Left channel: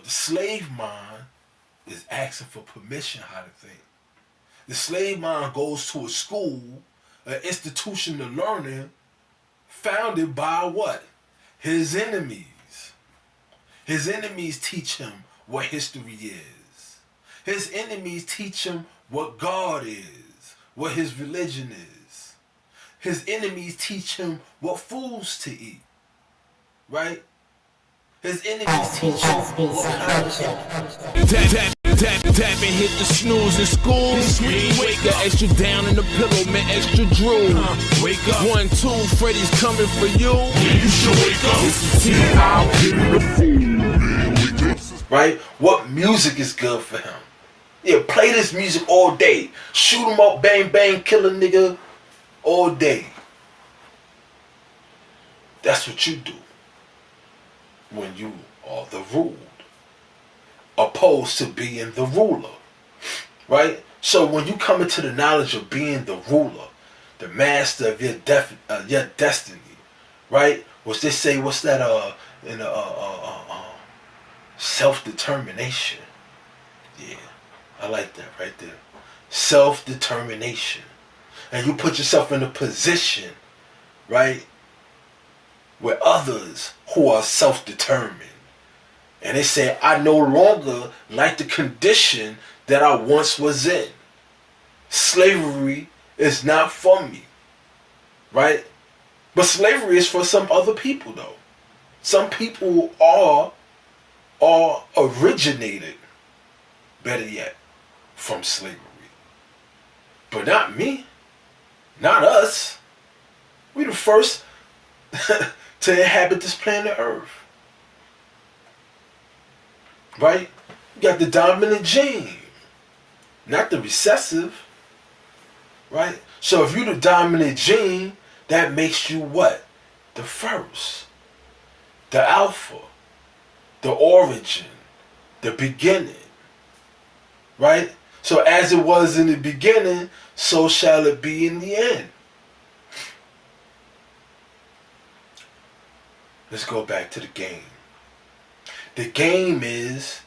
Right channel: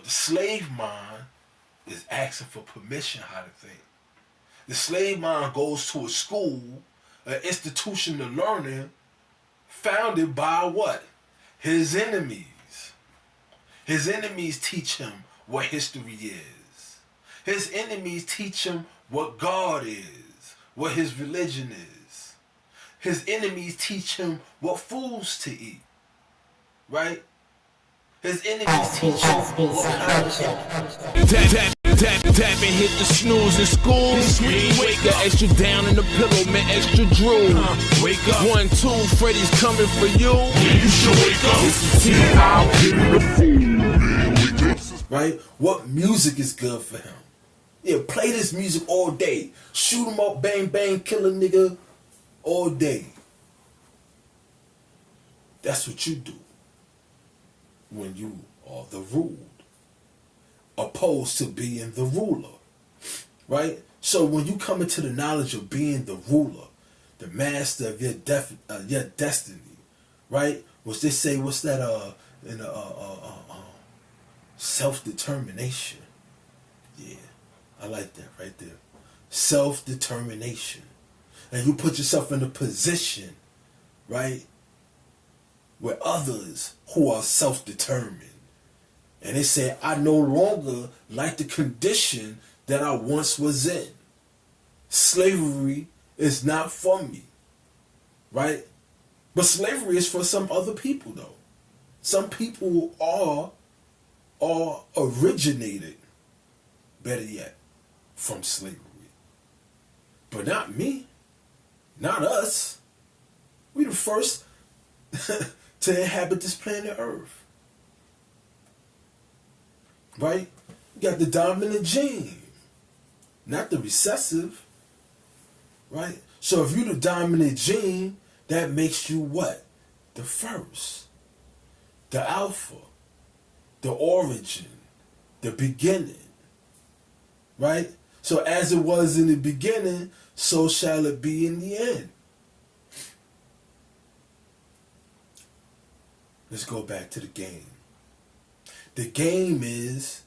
But the slave mind is asking for permission how to think. The slave mind goes to a school, an institution of learning founded by what? His enemies. His enemies teach him what history is. His enemies teach him what God is, what his religion is. His enemies teach him what foods to eat. Right? His enemies teach him what kind of... Tap and hit the snooze in school. Wake the extra down in the pillow, man, extra drool. Wake up. 1, 2, Freddy's coming for you. You should wake up. It's the 10 hour. Right? What music is good for him? Yeah, play this music all day. Shoot him up, bang, bang, kill a nigga all day. That's what you do when you are the ruled, opposed to being the ruler, right? So when you come into the knowledge of being the ruler, the master of your destiny, right? Which they say, what's that? Self-determination. Yeah, I like that right there. Self-determination, and you put yourself in a position, right, where others who are self-determined, and they say, I no longer like the condition that I once was in. Slavery is not for me, right? But slavery is for some other people, though. Some people are originated, better yet, from slavery. But not me, not us. We the first to inhabit this planet Earth. Right? You got the dominant gene, not the recessive. Right? So if you the dominant gene, that makes you what? The first. The alpha. The origin. The beginning. Right? So as it was in the beginning, so shall it be in the end. Let's go back to the game. The game is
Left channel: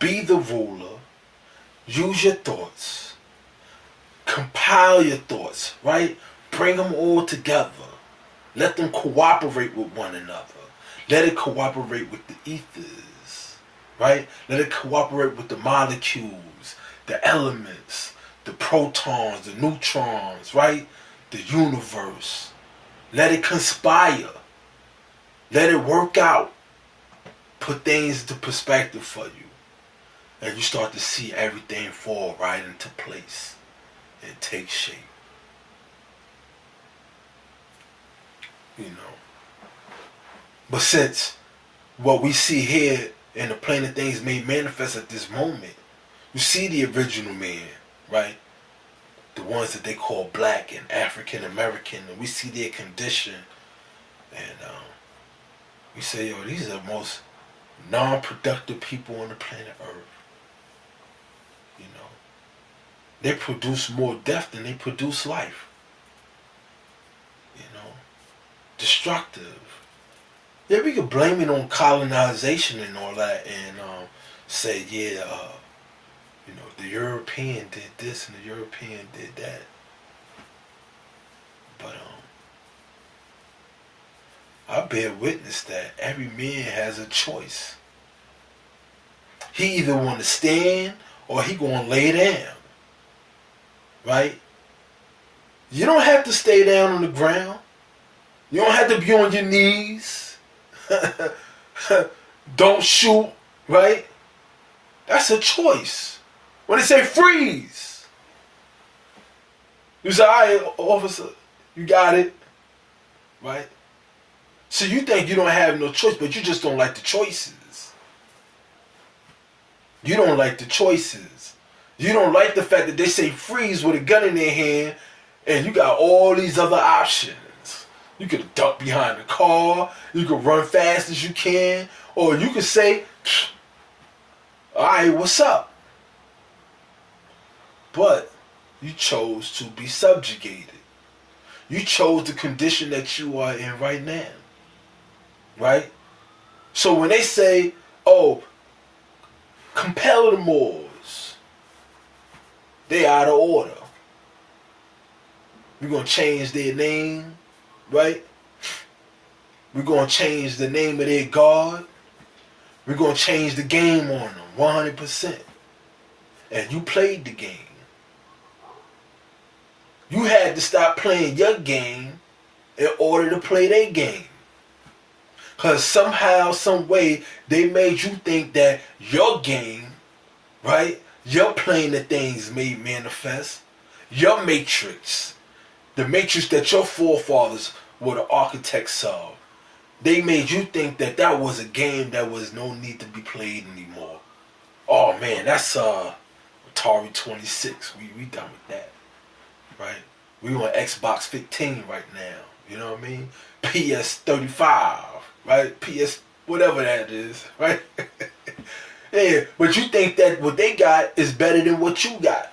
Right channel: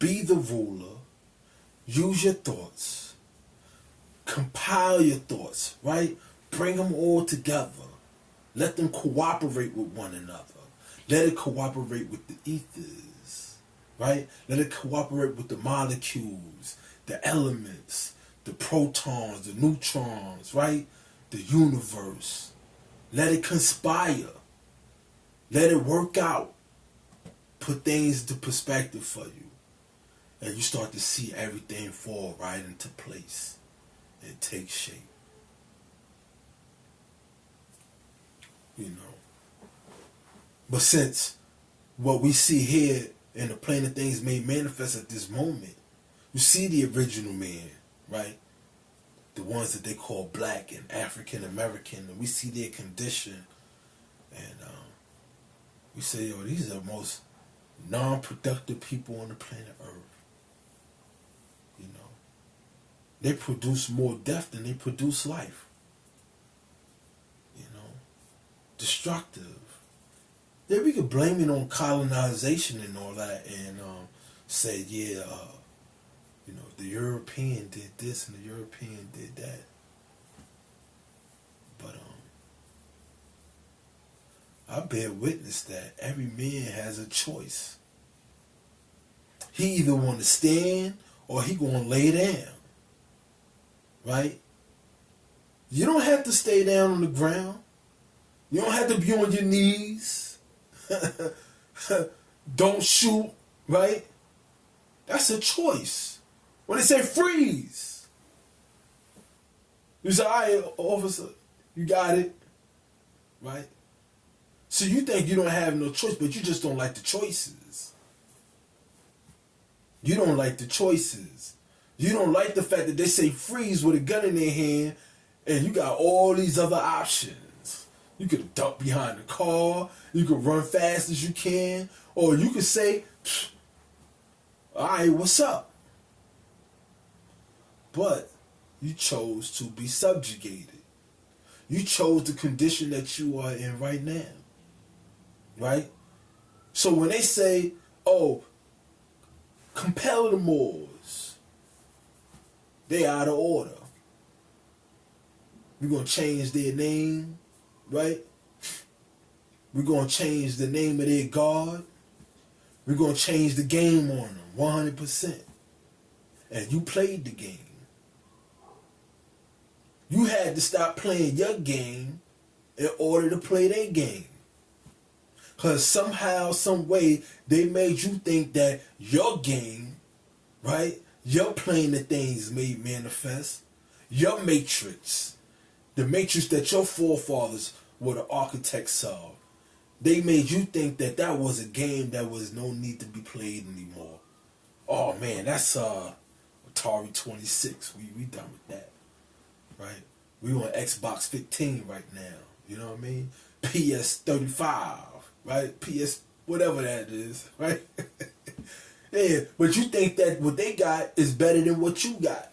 be the ruler, use your thoughts, compile your thoughts, right? Bring them all together. Let them cooperate with one another. Let it cooperate with the ethers, right? Let it cooperate with the molecules, the elements, the protons, the neutrons, right? The universe. Let it conspire. Let it work out. Put things into perspective for you. And you start to see everything fall right into place and take shape. You know. But since what we see here in the plane of things made manifest at this moment, you see the original man, right? The ones that they call black and African American, and we see their condition, and we say, yo, these are the most non-productive people on the planet Earth. You know, they produce more death than they produce life. You know, destructive. Yeah, we could blame it on colonization and all that, and say, yeah, you know, the European did this and the European did that. But I bear witness that every man has a choice. He either want to stand or he gonna lay down. Right? You don't have to stay down on the ground. You don't have to be on your knees. Don't shoot, right? That's a choice. When they say freeze, you say, all right, officer, you got it, right? So you think you don't have no choice, but you just don't like the choices. You don't like the choices. You don't like the fact that they say freeze with a gun in their hand and you got all these other options. You could duck behind the car, you could run fast as you can, or you could say, all right, what's up? But you chose to be subjugated. You chose the condition that you are in right now. Right? So when they say, oh, Compelled Moors. They out of order. We're going to change their name, right? We're going to change the name of their God. We're going to change the game on them, 100%. And you played the game. You had to stop playing your game in order to play their game. Because somehow, some way, they made you think that your game, right? You're playing the things made manifest. Your matrix. The matrix that your forefathers were the architects of. They made you think that that was a game that was no need to be played anymore. Oh man, that's Atari 26. We done with that. Right? We on Xbox 15 right now. You know what I mean? PS 35. Right? PS whatever that is. Right? Yeah, but you think that what they got is better than what you got.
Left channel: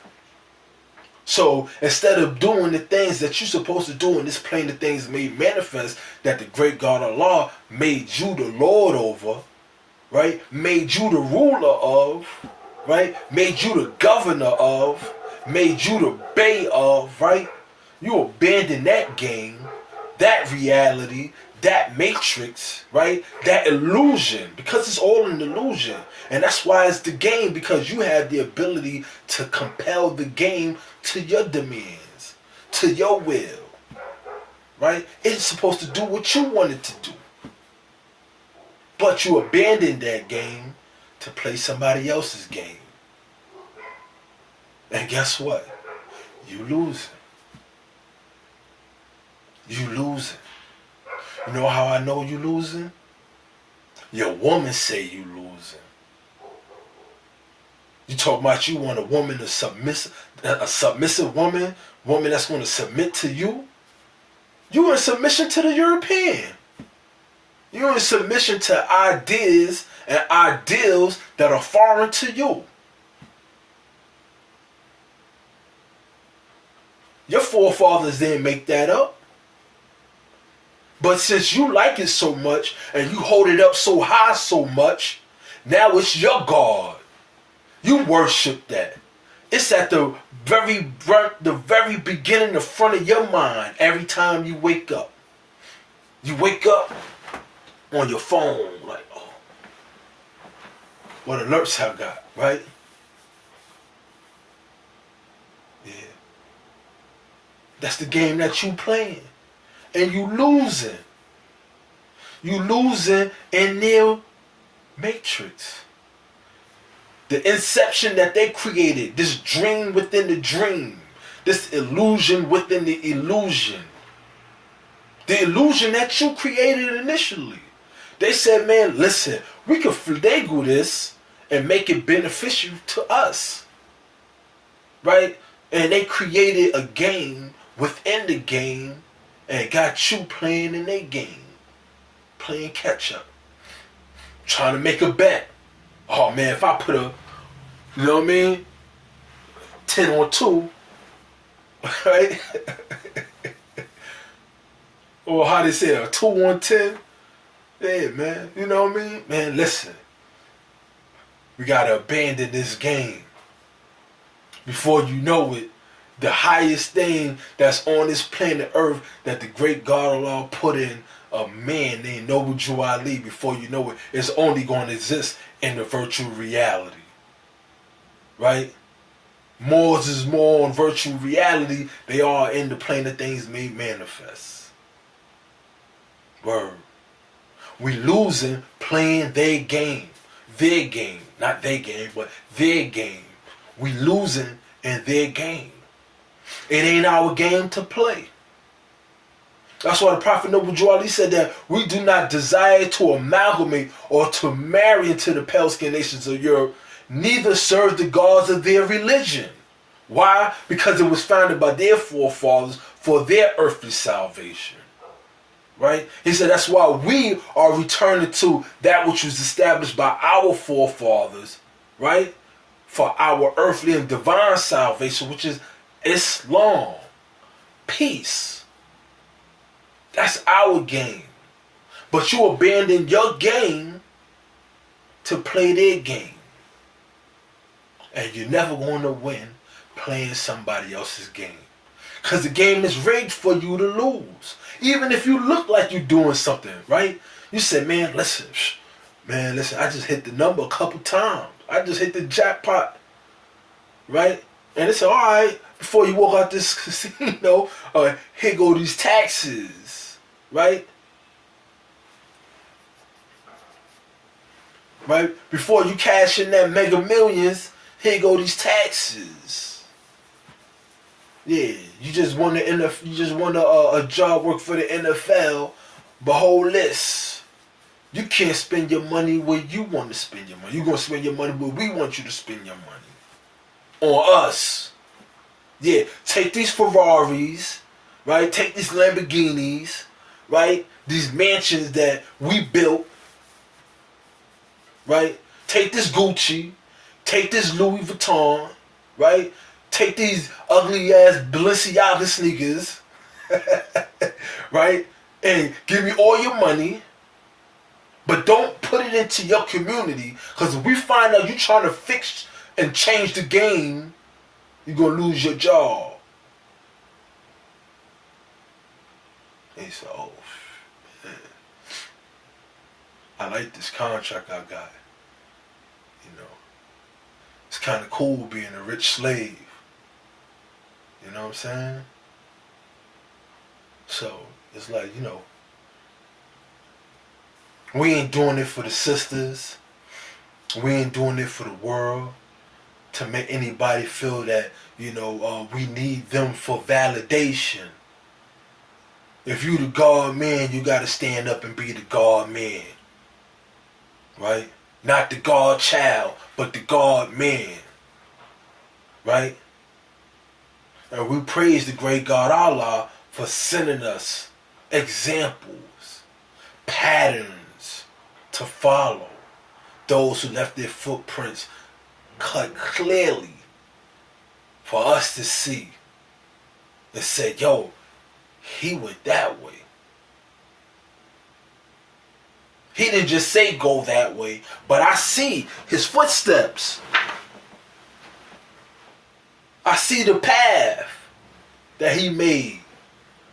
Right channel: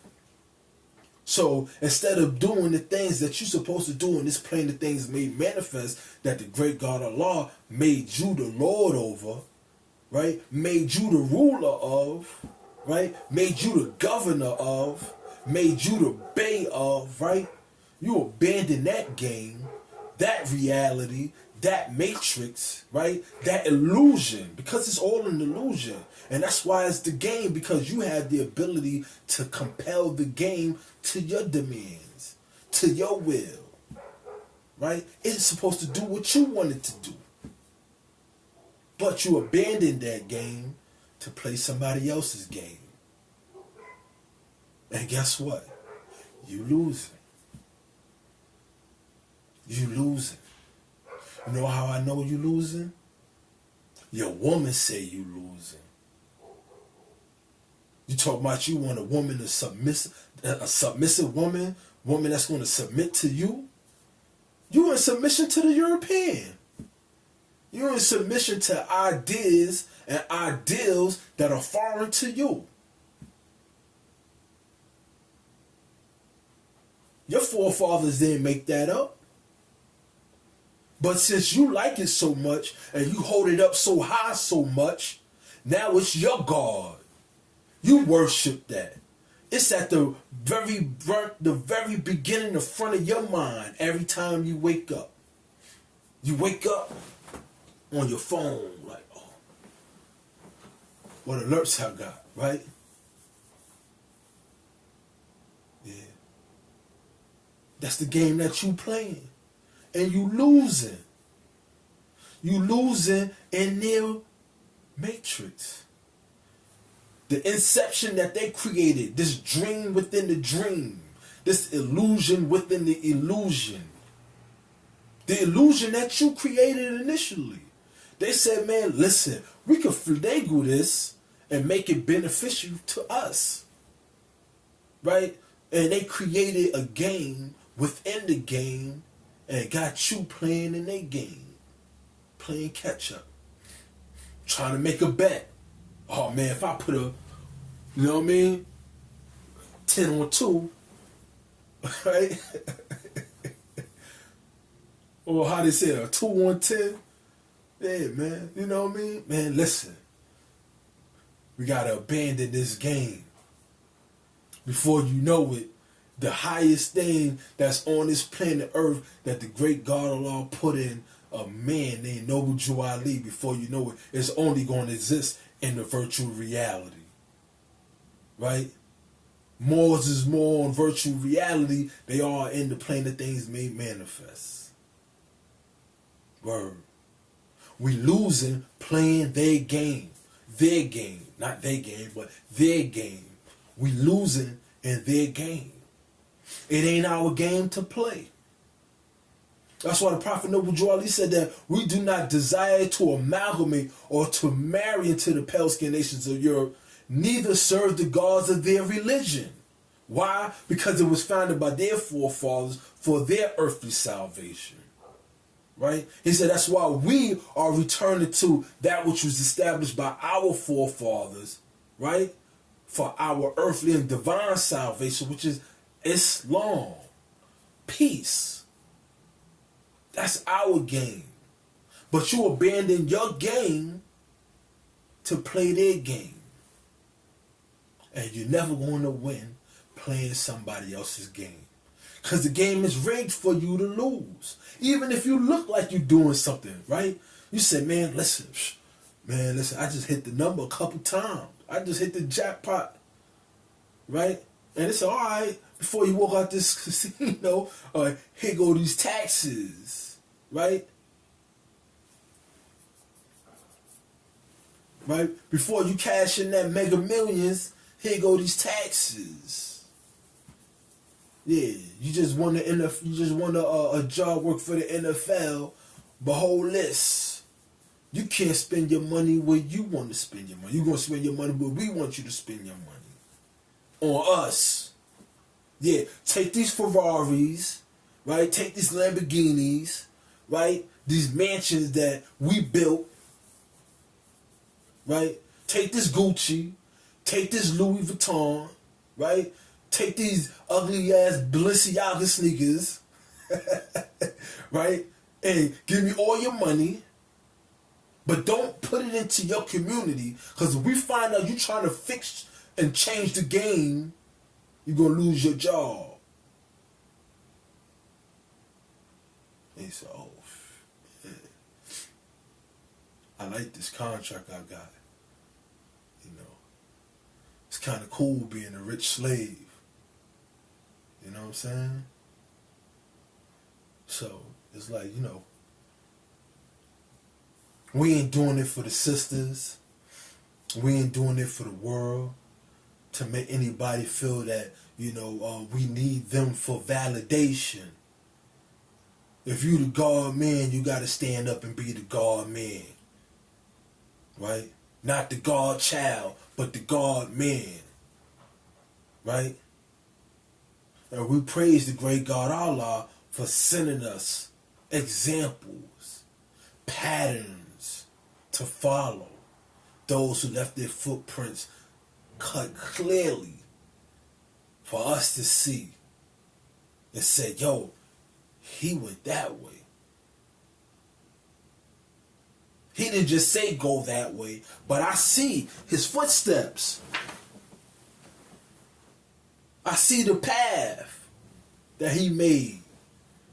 So instead of doing the things that you're supposed to do in this plane of things made manifest, that the great God Allah made you the Lord over, right? Made you the ruler of, right? Made you the governor of, made you the bay of, right? You abandon that game, that reality, that matrix, right? That illusion, because it's all an illusion. And that's why it's the game, because you have the ability to compel the game to your demands, to your will, right? It's supposed to do what you want it to do. But you abandoned that game to play somebody else's game. And guess what? You losing. You losing. You know how I know you losing? Your woman say you losing. You talk about you want a woman, a submissive woman that's going to submit to you. You in submission to the European. You in submission to ideas and ideals that are foreign to you. Your forefathers didn't make that up. But since you like it so much and you hold it up so high so much, now it's your God. You worship that. It's at the very beginning, the front of your mind every time you wake up. You wake up on your phone like, oh, what alerts I got, right? Yeah. That's the game that you playing. And you losing. You losing in their matrix. The inception that they created, this dream within the dream, this illusion within the illusion. The illusion that you created initially. They said, man, listen, we could finagle this and make it beneficial to us. Right? And they created a game within the game and got you playing in their game. Playing catch up. Trying to make a bet. Oh man, if I put a, you know what I mean? 10 on 2, right? Or how they say, a 2 on 10. Yeah, man, you know what I mean? Man, listen. We gotta abandon this game. Before you know it, the highest thing that's on this planet Earth that the great God Allah put in a man named Noble Drew Ali, before you know it, is only going to exist in the virtual reality. Right? Moors is more on virtual reality. They are in the plane of things made manifest. Word. We losing playing their game. Their game. Not their game, but their game. We losing in their game. It ain't our game to play. That's why the Prophet Noble Drew Ali said that we do not desire to amalgamate or to marry into the pale skinned nations of Europe, neither serve the gods of their religion. Why? Because it was founded by their forefathers for their earthly salvation. Right? He said that's why we are returning to that which was established by our forefathers, right? For our earthly and divine salvation, which is Islam. Peace. That's our game. But you abandon your game to play their game. And you're never going to win playing somebody else's game. Because the game is rigged for you to lose. Even if you look like you're doing something, right? You say, man, listen, I just hit the number a couple times. I just hit the jackpot, right? And it's all right, before you walk out this casino, here go these taxes, right? Right? Before you cash in that Mega Millions, here go these taxes. Yeah, you just want a job work for the NFL, but hold this. You can't spend your money where you want to spend your money. You're going to spend your money where we want you to spend your money. On us. Yeah, take these Ferraris, right? Take these Lamborghinis, right? These mansions that we built, right? Take this Gucci, take this Louis Vuitton, right? Take these ugly ass Balenciaga sneakers, right? And give me all your money, but don't put it into your community, because if we find out you're trying to fix and change the game, you're going to lose your job. And he said, oh, man, I like this contract I got. You know, it's kind of cool being a rich slave. You know what I'm saying? So, it's like, you know, we ain't doing it for the sisters. We ain't doing it for the world, to make anybody feel that, you know, we need them for validation. If you the God man, you got to stand up and be the God man. Right? Not the God child, but the God man. Right? And we praise the great God Allah for sending us examples, patterns to follow. Those who left their footprints cut clearly for us to see and say, yo, he went that way. He didn't just say go that way, but I see his footsteps. I see the path that he made,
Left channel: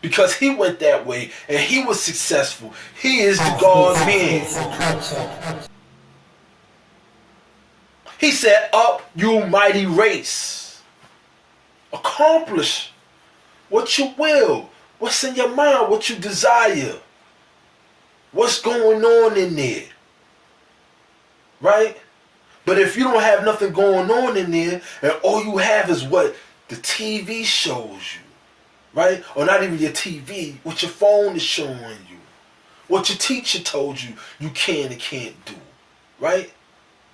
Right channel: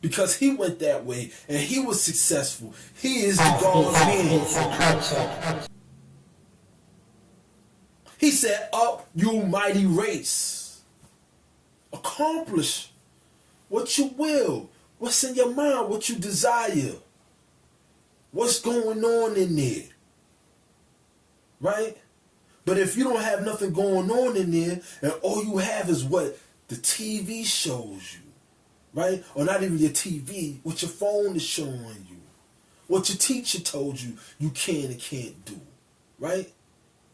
because he went that way and he was successful. He is the God man. He said, up, you mighty race. Accomplish what you will. What's in your mind, what you desire. What's going on in there. Right? But if you don't have nothing going on in there, and all you have is what the TV shows you, right? Or not even your TV, what your phone is showing you, what your teacher told you you can and can't do, right?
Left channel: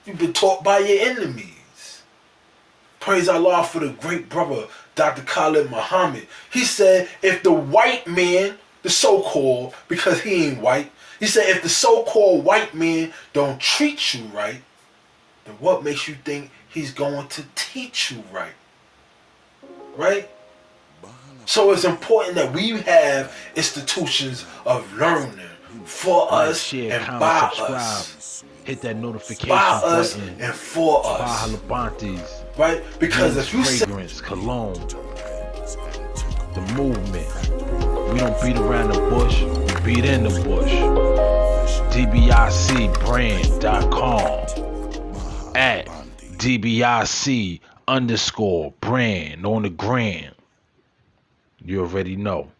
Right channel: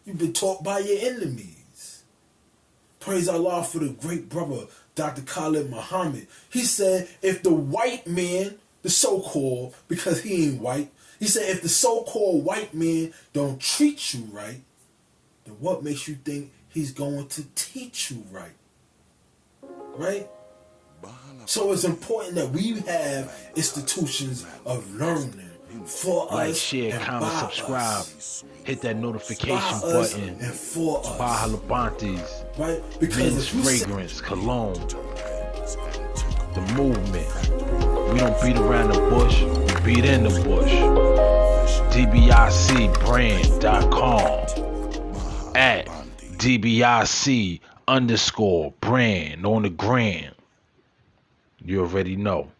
You've been taught by your enemies. Praise Allah for the great brother, Dr. Khalid Muhammad. He said, if the white man, the so-called, because he ain't white, he said, if the so-called white man don't treat you right, then what makes you think he's going to teach you right? Right? So it's important that we have institutions of learning for like, us, share, and comment, by subscribe. us. Hit that notification By us button. and for us. Buy Pantes. Right? Because Men's if you fragrance, cologne. The movement. We don't beat around the bush, we beat in the bush. DBICbrand.com at DBIC_brand on the gram. You already know.